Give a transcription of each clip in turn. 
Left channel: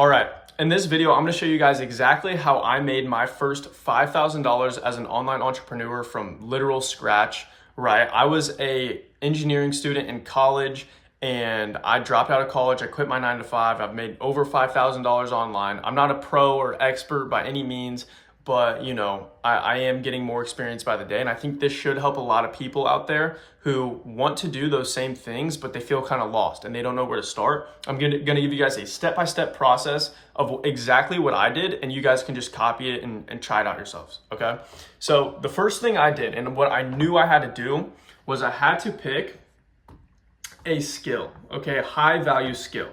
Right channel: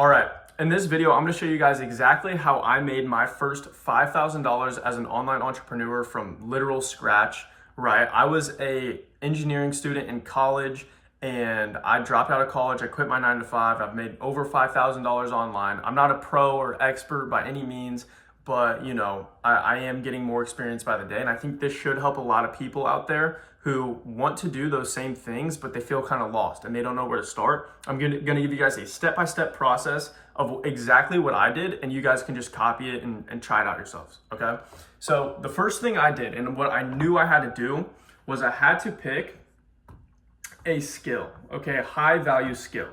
All right, in this video, I'm gonna show you guys exactly how I made my first $5,000 as an online entrepreneur from literal scratch, right? I was a engineering student in college and I dropped out of college. I quit my 9 to 5. I've made over $5,000 online. I'm not a pro or expert by any means, but I am getting more experience by the day. And I think this should help a lot of people out there who want to do those same things, but they feel kind of lost and they don't know where to start. I'm gonna give you guys a step-by-step process of exactly what I did, and you guys can just copy it and try it out yourselves, okay? So the first thing I did, and what I knew I had to do, was I had to pick a skill, okay? A high value skill,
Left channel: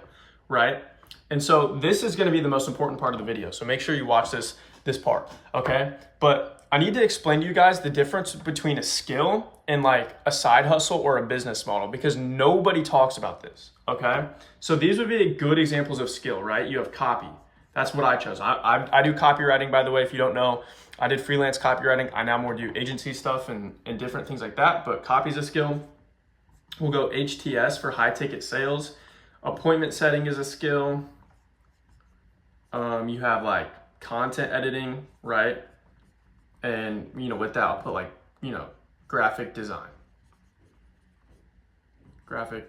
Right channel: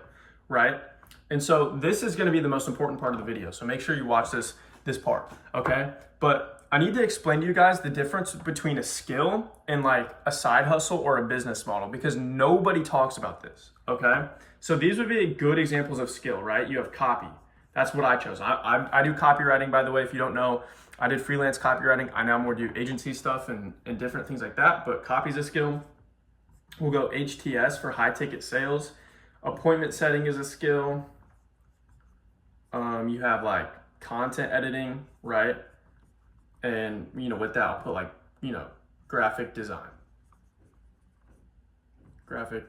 right? And so this is gonna be the most important part of the video. So make sure you watch this part, okay? But I need to explain to you guys the difference between a skill and like a side hustle or a business model, because nobody talks about this, okay? So these would be good examples of skill, right? You have copy. That's what I chose. I do copywriting, by the way, if you don't know. I did freelance copywriting. I now more do agency stuff and different things like that, but copy is a skill. We'll go HTS for high ticket sales. Appointment setting is a skill. You have like content editing, right? And with that, I'll put like, graphic design, okay?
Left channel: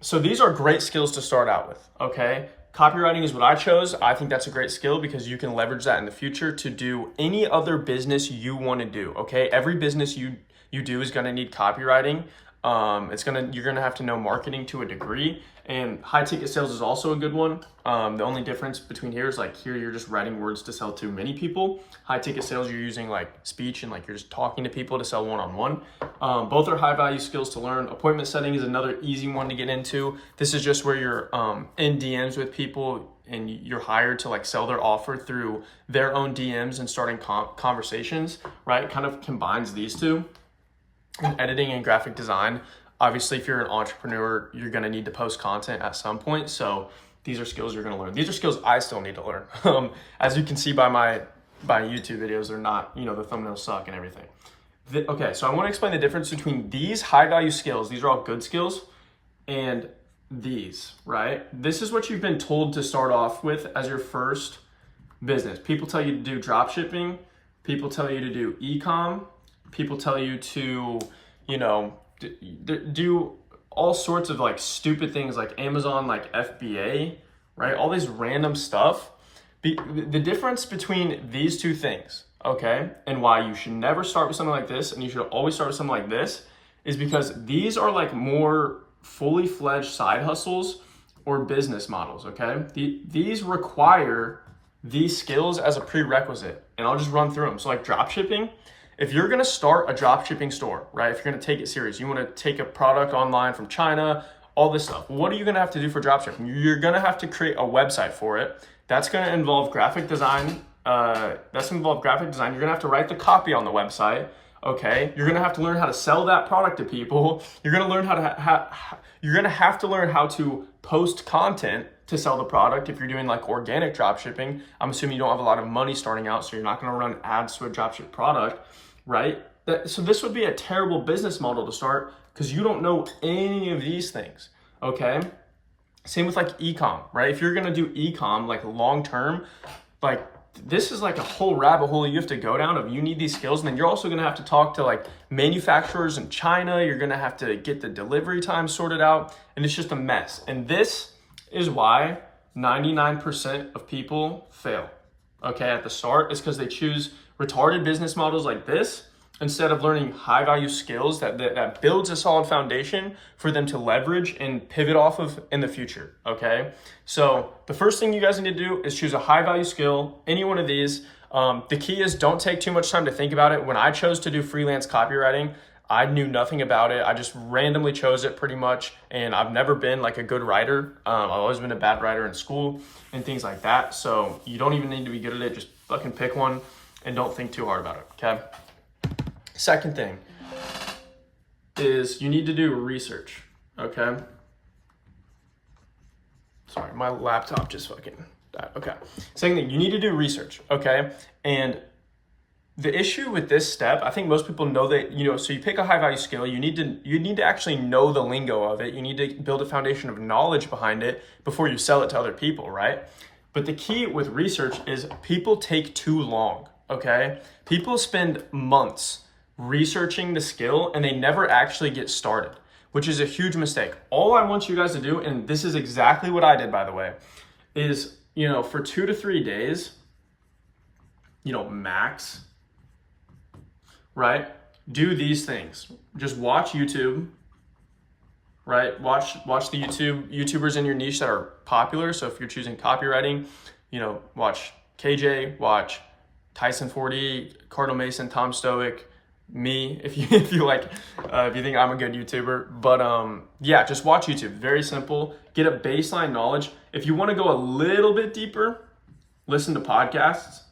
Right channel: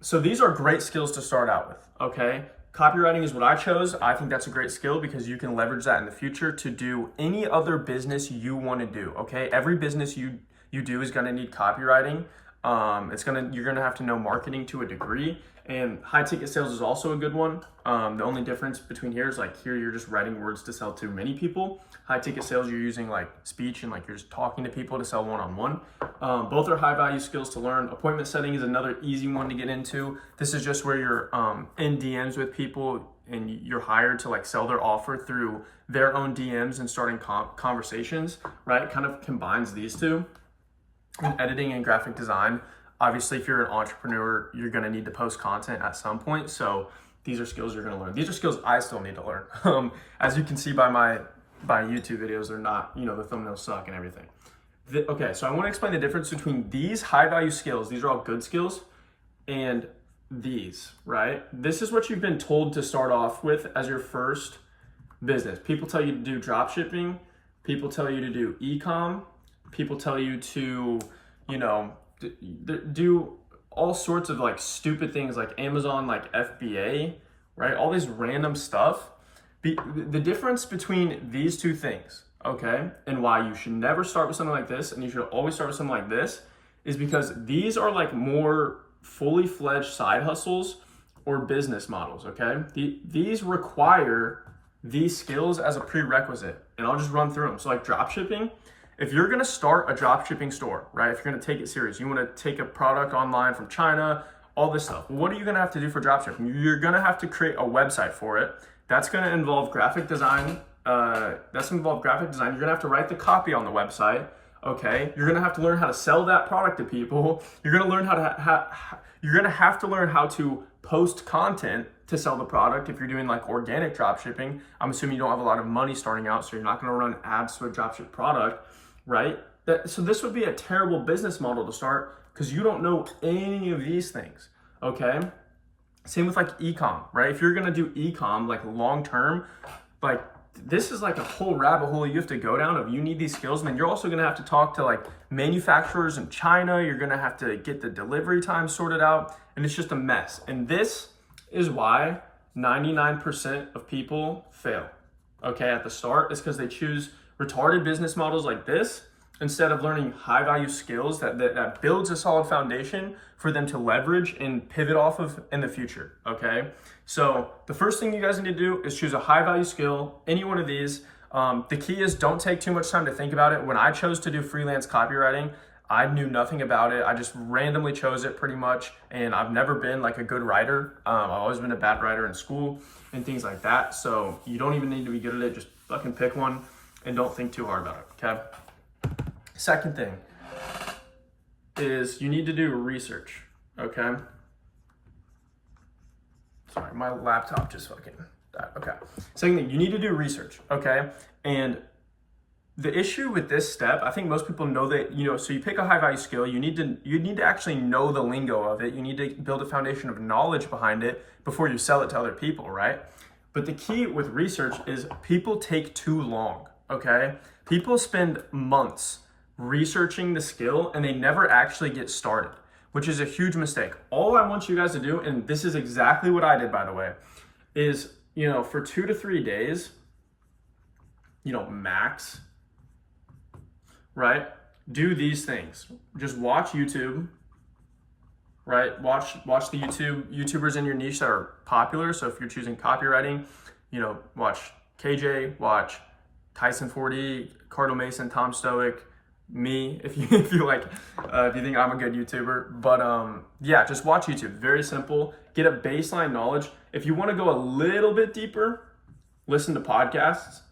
So these are great skills to start out with, okay? Copywriting is what I chose. I think that's a great skill because you can leverage that in the future to do any other business you want to do, okay? Every business you do is going to need copywriting. You're gonna have to know marketing to a degree, and high ticket sales is also a good one. The only difference between here is like here you're just writing words to sell to many people. High ticket sales, you're using like speech and like you're just talking to people to sell one-on-one. Both are high value skills to learn. Appointment setting is another easy one to get into. This is just where you're in DMs with people and you're hired to like sell their offer through their own DMs and starting conversations, right? It kind of combines these two. In editing and graphic design, obviously, if you're an entrepreneur, you're going to need to post content at some point. So these are skills you're going to learn. These are skills I still need to learn. As you can see by my YouTube videos, they're not, the thumbnails suck and everything. Okay, so I want to explain the difference between these high value skills. These are all good skills, and these, right? This is what you've been told to start off with as your first business. People tell you to do drop shipping. People tell you to do e-com. People tell you to, do all sorts of like stupid things like Amazon, like FBA, right? All these random stuff. The difference between these two things, okay, and why you should never start with something like this and you should always start with something like this is because these are like more fully fledged side hustles or business models, okay? These require these skills as a prerequisite, and I'll just run through them. So like drop shipping. If you're gonna start a drop shipping store, right? If you're gonna take it serious, you wanna take a product online from China, all this stuff. What are you gonna have to do for drop shipping? You're gonna have to create a website for it. That's gonna involve graphic design. You're gonna have to write the copy on the website, okay? You're gonna have to learn how to sell that product to people. You're gonna learn you're gonna have to learn how to post content to sell the product. If you're doing like organic drop shipping, I'm assuming you don't have a lot of money starting out, so you're not gonna run ads to a drop ship product, right? So this would be a terrible business model to start because you don't know any of these things, okay? Same with like e-com, right? If you're gonna do e-com like long-term, like this is like a whole rabbit hole you have to go down of you need these skills, and then you're also gonna have to talk to like manufacturers in China. You're gonna have to get the delivery time sorted out, and it's just a mess. And this is why 99% of people fail, okay, at the start, is because they choose retarded business models like this instead of learning high value skills that builds a solid foundation for them to leverage and pivot off of in the future, okay? So the first thing you guys need to do is choose a high value skill, any one of these. The key is don't take too much time to think about it. When I chose to do freelance copywriting, I knew nothing about it. I just randomly chose it pretty much, and I've never been like a good writer. I've always been a bad writer in school and things like that. So you don't even need to be good at it. Just fucking pick one and don't think too hard about it, okay? Second thing is you need to do research, okay? Sorry, my laptop just fucking died, okay. Second thing, you need to do research, okay? And the issue with this step, I think most people know that, so you pick a high value skill, you need to actually know the lingo of it. You need to build a foundation of knowledge behind it before you sell it to other people, right? But the key with research is people take too long, okay? People spend months researching the skill and they never actually get started, which is a huge mistake. All I want you guys to do, and this is exactly what I did, by the way, is, for 2 to 3 days, max, right? Do these things. Just watch YouTube, right? Watch the YouTubers in your niche that are popular. So if you're choosing copywriting, watch KJ, watch Tyson 40, Cardinal Mason, Tom Stoic, me, if you think I'm a good YouTuber. But yeah, just watch YouTube. Very simple. Get a baseline knowledge. If you want to go a little bit deeper, listen to podcasts.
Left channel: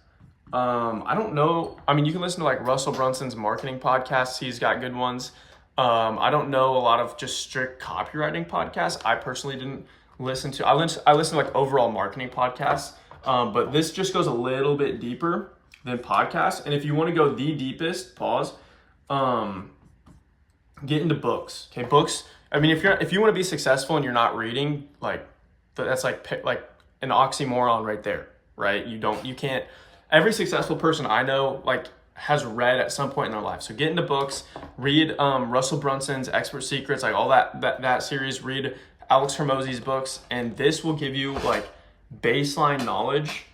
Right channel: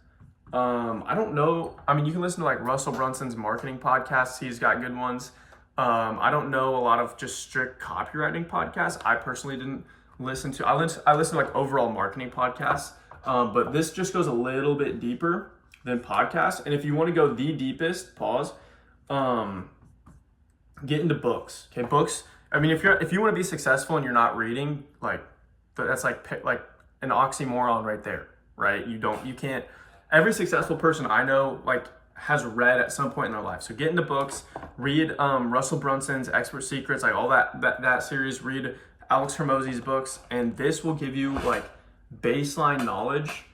I don't know. I mean, you can listen to like Russell Brunson's marketing podcasts. He's got good ones. I don't know a lot of just strict copywriting podcasts. I personally didn't listen to. I listen to like overall marketing podcasts. But this just goes a little bit deeper than podcasts. And if you want to go the deepest, get into books. Okay, books. I mean, if you want to be successful and you're not reading, like that's like an oxymoron right there, right? You can't. Every successful person I know has read at some point in their life. So get into books, read Russell Brunson's Expert Secrets, like all that series. Read Alex Hormozi's books, and this will give you like baseline knowledge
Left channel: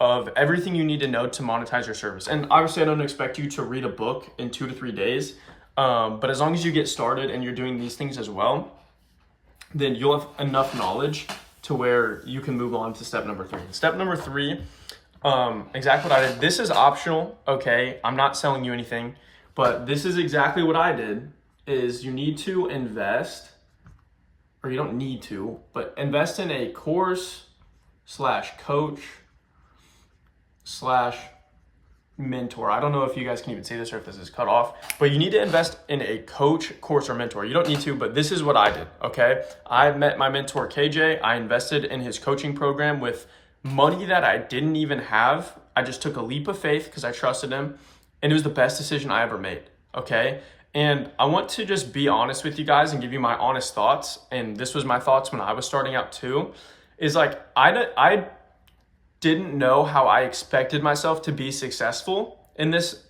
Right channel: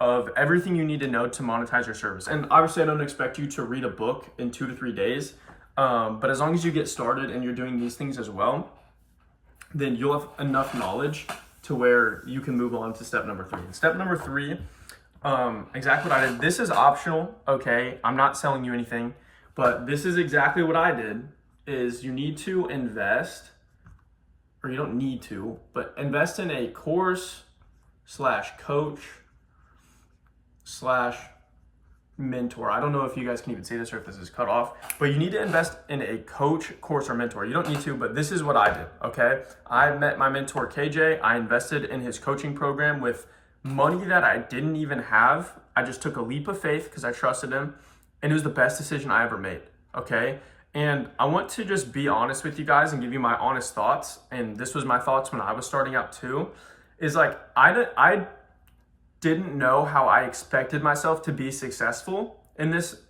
of everything you need to know to monetize your service. And obviously, I don't expect you to read a book in 2 to 3 days, but as long as you get started and you're doing these things as well, then you'll have enough knowledge to where you can move on to step number 3. Step number 3. Exactly what I did. This is optional, okay? I'm not selling you anything, but this is exactly what I did. Is you need to invest, or you don't need to, but invest in a course / coach / mentor. I don't know if you guys can even see this or if this is cut off, but you need to invest in a coach, course, or mentor. You don't need to, but this is what I did, okay? I met my mentor, KJ. I invested in his coaching program with money that I didn't even have. I just took a leap of faith because I trusted him, and it was the best decision I ever made, okay? And I want to just be honest with you guys and give you my honest thoughts, and this was my thoughts when I was starting out too, is like I didn't know how I expected myself to be successful in this,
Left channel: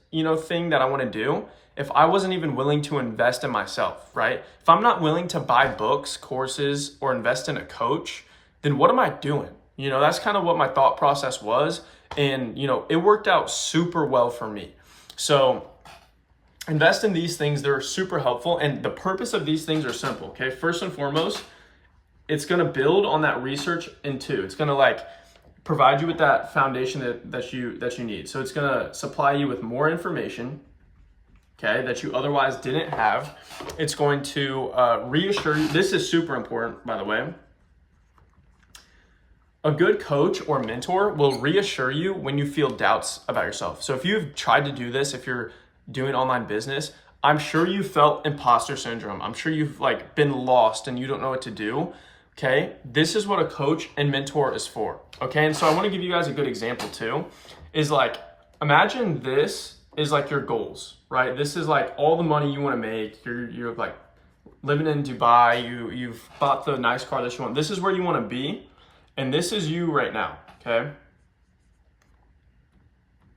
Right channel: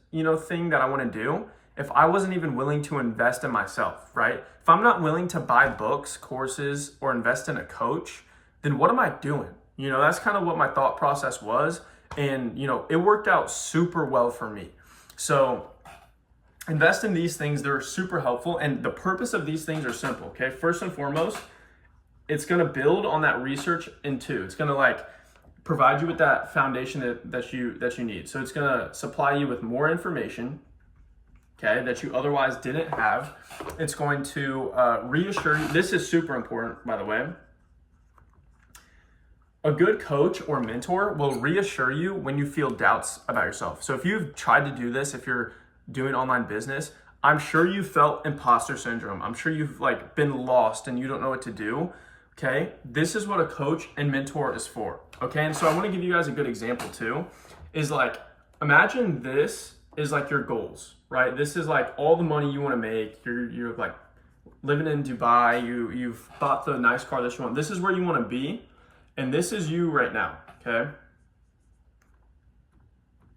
thing that I want to do if I wasn't even willing to invest in myself, right? If I'm not willing to buy books, courses, or invest in a coach, then what am I doing? That's kind of what my thought process was. And, it worked out super well for me. So invest in these things. They're super helpful. And the purpose of these things are simple. Okay. First and foremost, it's going to build on that research. And 2, it's going to provide you with that foundation that you need. So it's going to supply you with more information, okay, that you otherwise didn't have. It's going to reassure you. This is super important, by the way. A good coach or mentor will reassure you when you feel doubts about yourself. So if you've tried to do this, if you're doing online business, I'm sure you felt imposter syndrome. I'm sure you've been lost and you don't know what to do. Okay, this is what a coach and mentor is for. Okay, and so I want to give you guys a good example too. Is imagine this is your goals, right? This is all the money you want to make. You're living in Dubai. You've bought the nice car that you want. This is where you want to be. And this is you right now, okay?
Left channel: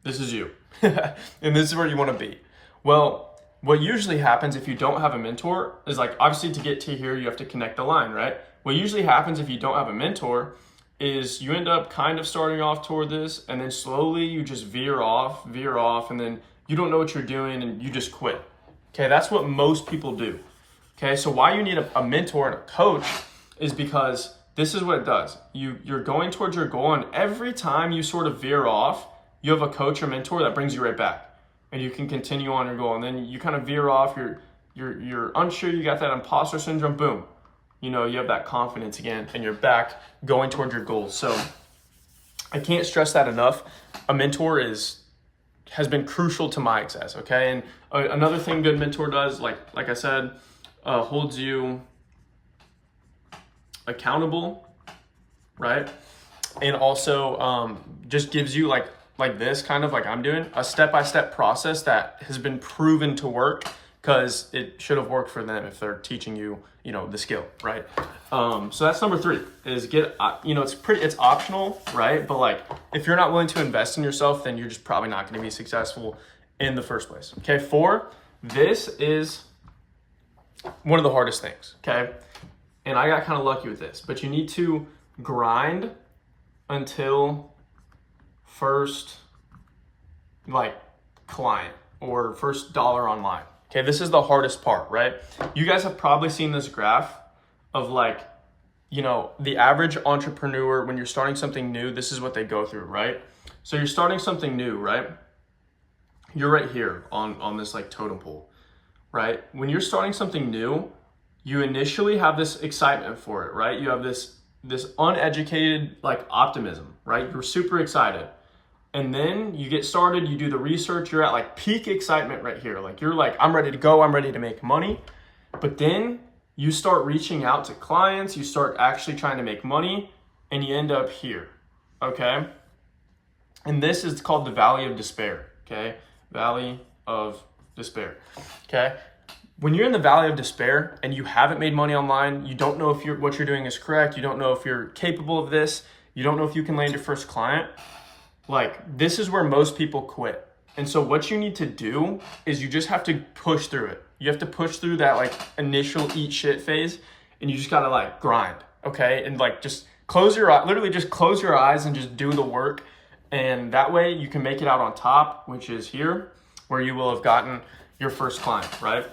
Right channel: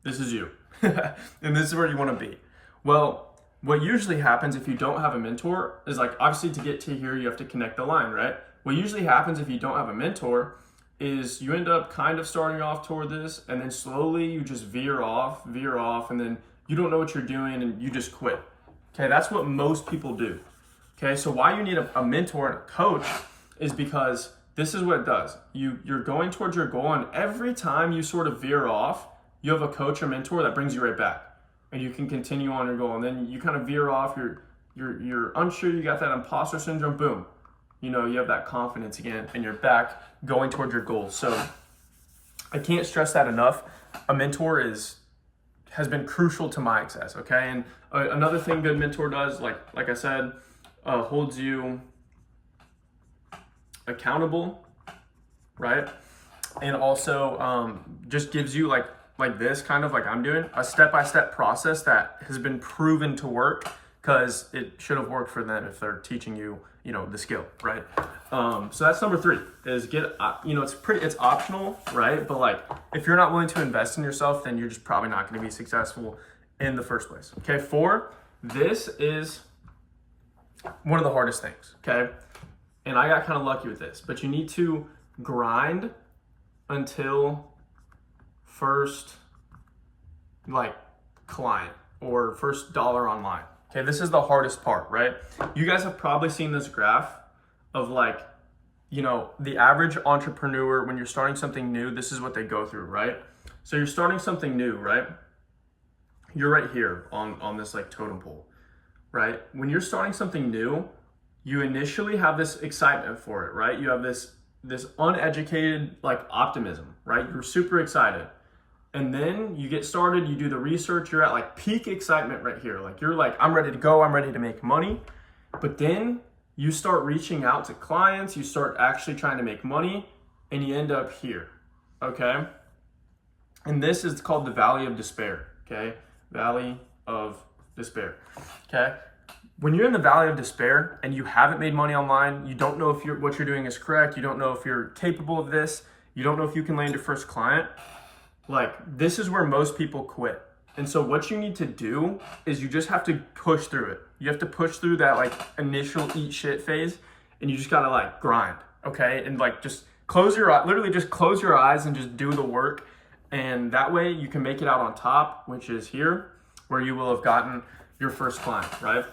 This is you. And this is where you want to be. Well, what usually happens if you don't have a mentor is obviously to get to here, you have to connect the line, right? What usually happens if you don't have a mentor is you end up kind of starting off toward this, and then slowly you just veer off, and then you don't know what you're doing and you just quit. Okay, that's what most people do. Okay, so why you need a mentor and a coach is because this is what it does. You're going towards your goal, and every time you sort of veer off, you have a coach or mentor that brings you right back, and you can continue on your goal. And then you kind of veer off, you're unsure, you got that imposter syndrome, boom. You have that confidence again, and you're back going towards your goals. So I can't stress that enough. A mentor has been crucial to my success, okay? And another thing good mentor does, like I said, holds you accountable, right? And also just gives you like this, kind of like I'm doing, a step-by-step process that has been proven to work, because it should have worked for them if they're teaching you, you know, the skill, right? So that's number 3, is get, you know, it's optional, right? But like, if you're not willing to invest in yourself, then you're just probably not going to be successful in the first place. Okay, 4, this is one of the hardest things, okay? And I got kind of lucky with this, but you need to grind until first, like, client or first dollar online. Okay, this is the hardest part, right? You guys have probably seen this graph of, like, you know, the average entrepreneur, when you're starting something new, this is what they go through, right? So you're starting something new, right? You're right here on this like totem pole, right? When you're starting something new, you initially have this excitement for it, right? You have this uneducated like optimism, right? You're super excited. And then you get started, you do the research, you're at like peak excitement right here. Like you're like, I'm ready to go, I'm ready to make money. But then you start reaching out to clients, you start actually trying to make money, and you end up here, okay? And this is called the Valley of Despair, okay? Valley of Despair, okay? When you're in the Valley of Despair and you haven't made money online, you don't know if what you're doing is correct, you don't know if you're capable of this, you don't know if you can land your first client, like this is where most people quit. And so what you need to do is you just have to push through it. You have to push through that like initial eat shit phase, and you just gotta like grind, okay? And like just close your eyes, literally just close your eyes and just do the work. And that way you can make it out on top, which is here, where you will have gotten your first client, right?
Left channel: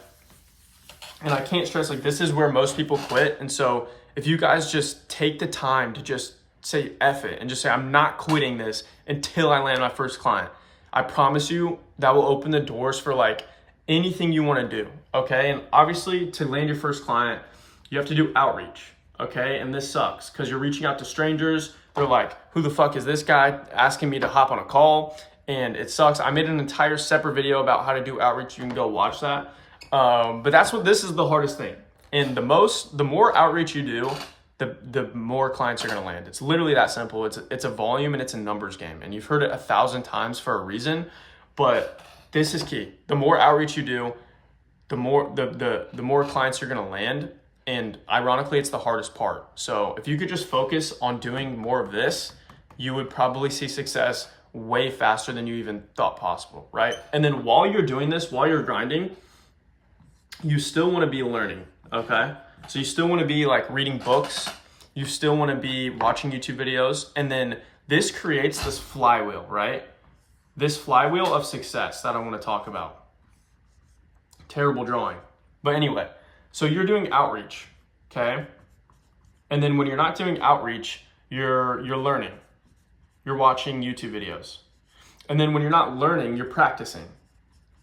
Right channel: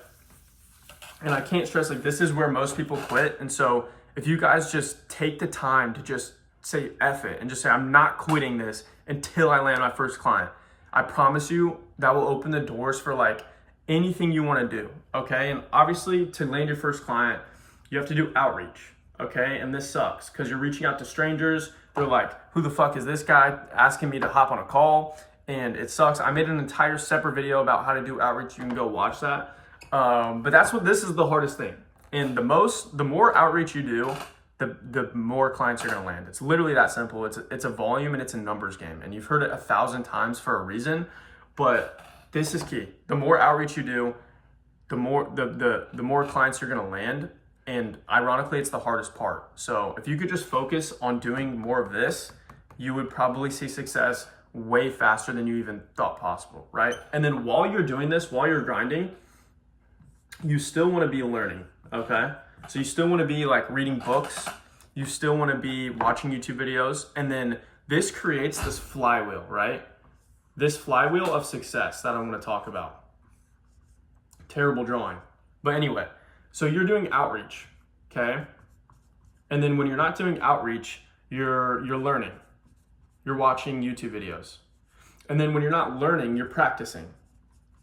And I can't stress, like this is where most people quit. And so if you guys just take the time to just say F it and just say, I'm not quitting this until I land my first client, I promise you that will open the doors for like anything you want to do, okay? And obviously to land your first client, you have to do outreach, okay? And this sucks because you're reaching out to strangers. They're like, who the fuck is this guy asking me to hop on a call? And it sucks. I made an entire separate video about how to do outreach. You can go watch that. But this is the hardest thing. And the more outreach you do, the more clients you're gonna land. It's literally that simple. It's a volume and it's a numbers game. And you've heard it 1,000 times for a reason, but this is key. The more outreach you do, the more clients you're gonna land. And ironically, it's the hardest part. So if you could just focus on doing more of this, you would probably see success way faster than you even thought possible, right? And then while you're doing this, while you're grinding, you still wanna be learning, okay? So you still wanna be like reading books, you still wanna be watching YouTube videos, and then this creates this flywheel, right? This flywheel of success that I wanna talk about. Terrible drawing. But anyway, so you're doing outreach, okay? And then when you're not doing outreach, you're learning. You're watching YouTube videos. And then when you're not learning, you're practicing,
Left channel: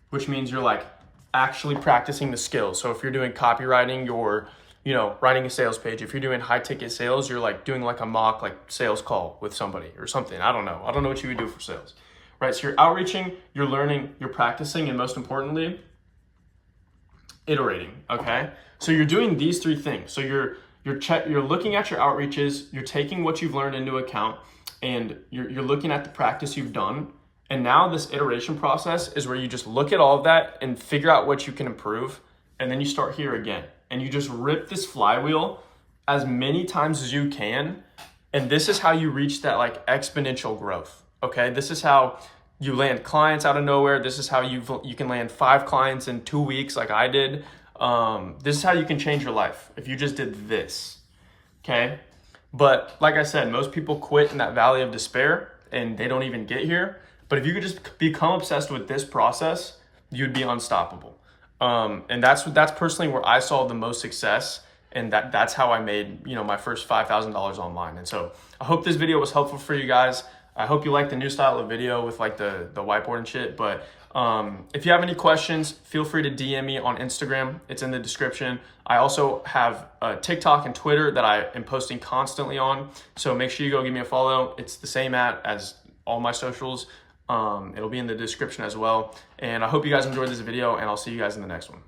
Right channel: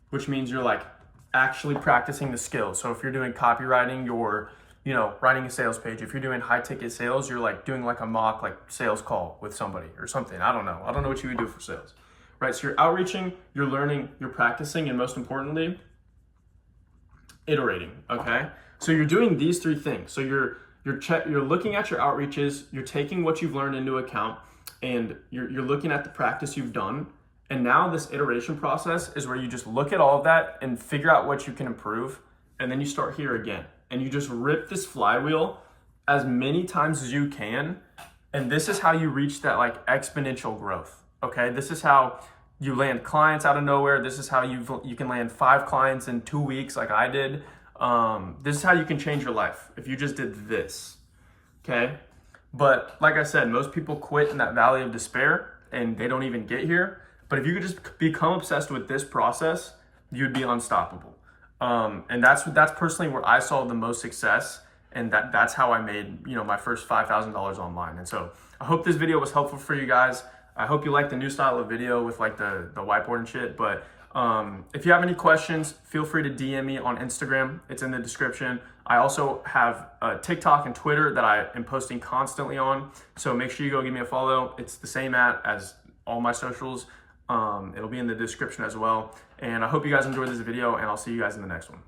which means you're like actually practicing the skills. So if you're doing copywriting, you're, you know, writing a sales page. If you're doing high ticket sales, you're like doing like a mock like sales call with somebody or something. I don't know what you would do for sales, right? So you're outreaching, you're learning, you're practicing, and most importantly, iterating, okay? So you're doing these 3 things. So you're looking at your outreaches, you're taking what you've learned into account, and you're looking at the practice you've done. And now this iteration process is where you just look at all of that and figure out what you can improve. And then you start here again. And you just rip this flywheel as many times as you can. And this is how you reach that like exponential growth, okay? This is how you land clients out of nowhere. This is how you can land 5 clients in 2 weeks like I did. This is how you can change your life if you just did this, okay? But like I said, most people quit in that valley of despair and they don't even get here. But if you could just become obsessed with this process, you'd be unstoppable. And that's personally where I saw the most success, and that's how I made, you know, my first $5,000 online. And so I hope this video was helpful for you guys. I hope you like the new style of video with like the whiteboard and shit. But if you have any questions, feel free to DM me on Instagram. It's in the description. I also have TikTok and Twitter that I am posting constantly on. So make sure you go give me a follow. It's the same as all my socials. It'll be in the description as well. And I hope you guys enjoyed this video, and I'll see you guys in the next one.